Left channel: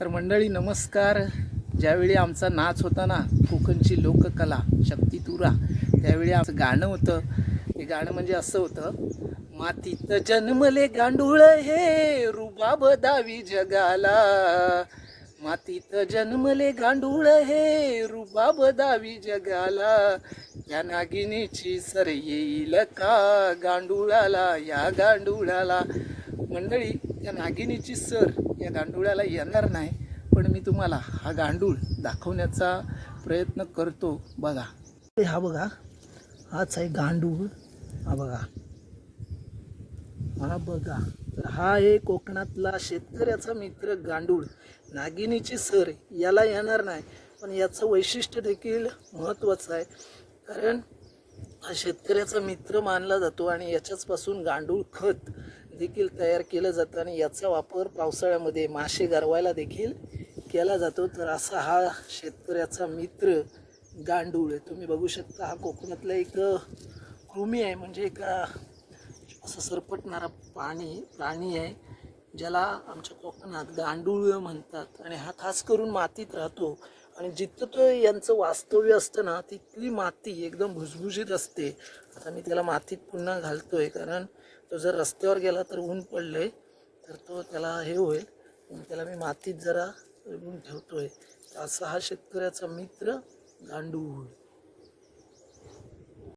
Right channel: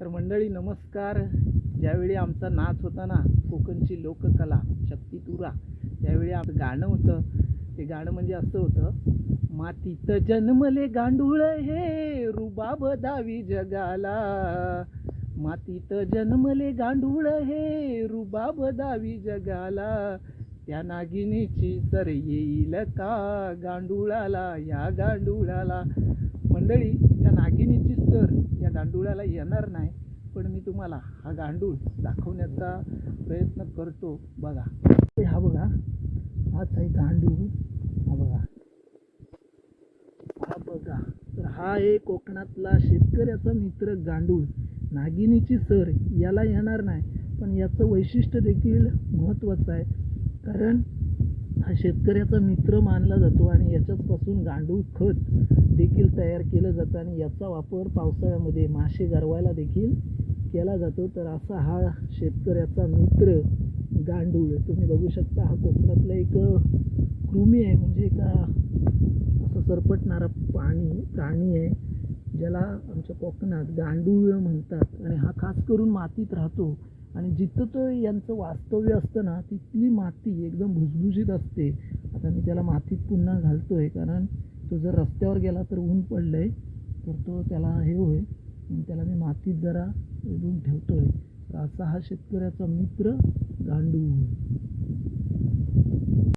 तर मंडळी नमस्कार. ज्यावेळी आमचा नाच होता ना कोकणची लोककला शक्तितुरा त्यावेळी आमचं गाणं होतं. ते गाणं म्हणजे असं होतं मातीत जन्मले गांडूळ हे रुबाब दावी जगाला. मातीत जन्मले गांडूळ हे रुबाब दावी जगाला. या नागिनीची सर येईल का गांडुळाला या गांडुळाला? मंडळी या नागिनीची सर या गांडुळाला येणार नाही पण मी तुम्हाला हा गांडूळ दाखवण्याचा प्रयत्न करतो. बघा. हा बघा. हाच आहे गांडूळ. हा बघा. हा बघा. तर हा आहे कोकणातला शेतकऱ्याचा मित्र गांडूळ. नागिनीची सर याला येणार नाही पण याचं वैशिष्ट्य देखील महत्त्वाचं आहे. कारण हा शेतकऱ्याचा मित्र मानला जातो आणि याच्याचपासून गांडूळ खत देखील तयार केलं जातं आणि याचा वापर पावसाळ्यामध्ये मासे गरवायला देखील केला जातो. तर असा हा शेतकऱ्याचा मित्र गांडूळ आहे. तुम्ही बघू शकता हा कोकणातला एक कृमी आहे. म्हणजे एक असं सरपटणारा पाणी प्राणी आहे ज्याला आमच्या कोकणात गांडूळ म्हणतात. आणि हा खास करून मातीत राहतो. आणि जिथं तो यांचं वास्तव्य असतं ना तिथली माती एकदम भुसभुशीत असते. आता मी त्याला मातीत पुन्हा घालतो आहे कारण तो जर रस्त्यावर गेला तर ऊन पडलं आहे तर तो त्याला हे होईल. त्याला मी मातीत जरा रेडून ठेवतो आहे तर असा हा शेतकऱ्याचा मित्र गांडूळ.